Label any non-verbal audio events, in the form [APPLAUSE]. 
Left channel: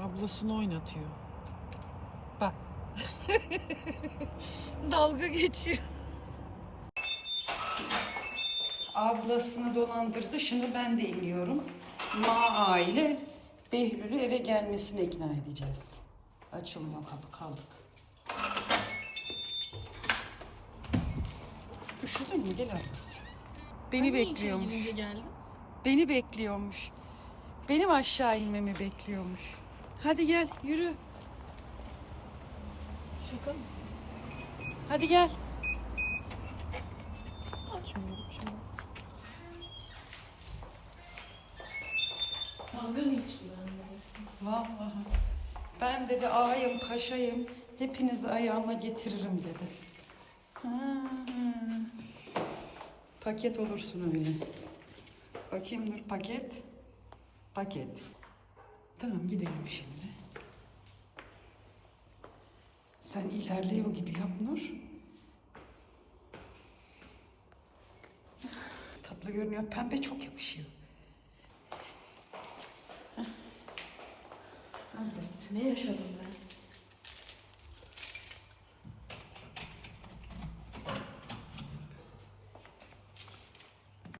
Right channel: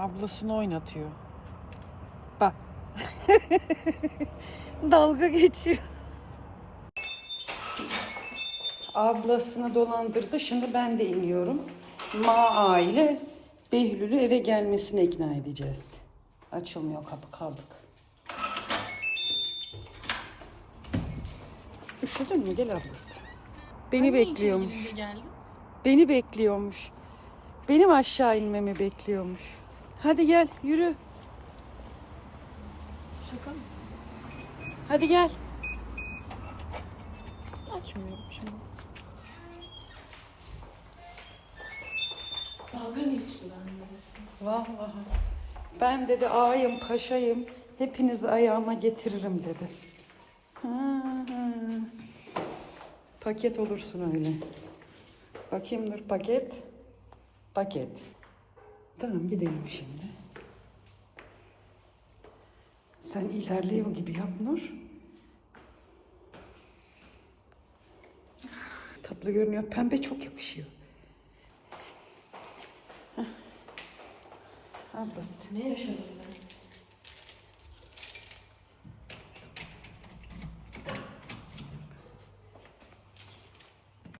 Ablasını oynatıyor. Bak. [LAUGHS] Dalga geçiyor. Ablasını dolandırdı. Şimdi ben de iniyorum. Maa ile Behlül'ü eve gelmesine ikna edeceğiz. Açılmıyor kapı kaldık. Üşüdün mü? Gel ablası. Beni bekliyormuş. geldim. Beni bekliyormuş. Benim aşağı inmemi bekliyormuş. Hadi gel yürü. Şaka mısın? Hadi gel. Açmıyorum şimdi. Dalga mı geçti bende? Vallahi. Ben dedi ağayım paşayım. Hepinizi ayağıma getiririm dedi. Hı. Paket olursun öyle. Bakayım dur paket. Paket. Tamam gidelim şimdi. Sen ilerliyor gibi yap Nur. Tatlı görünüyor. Pembe çok yakışıyor. Ablası. Ne yaşadın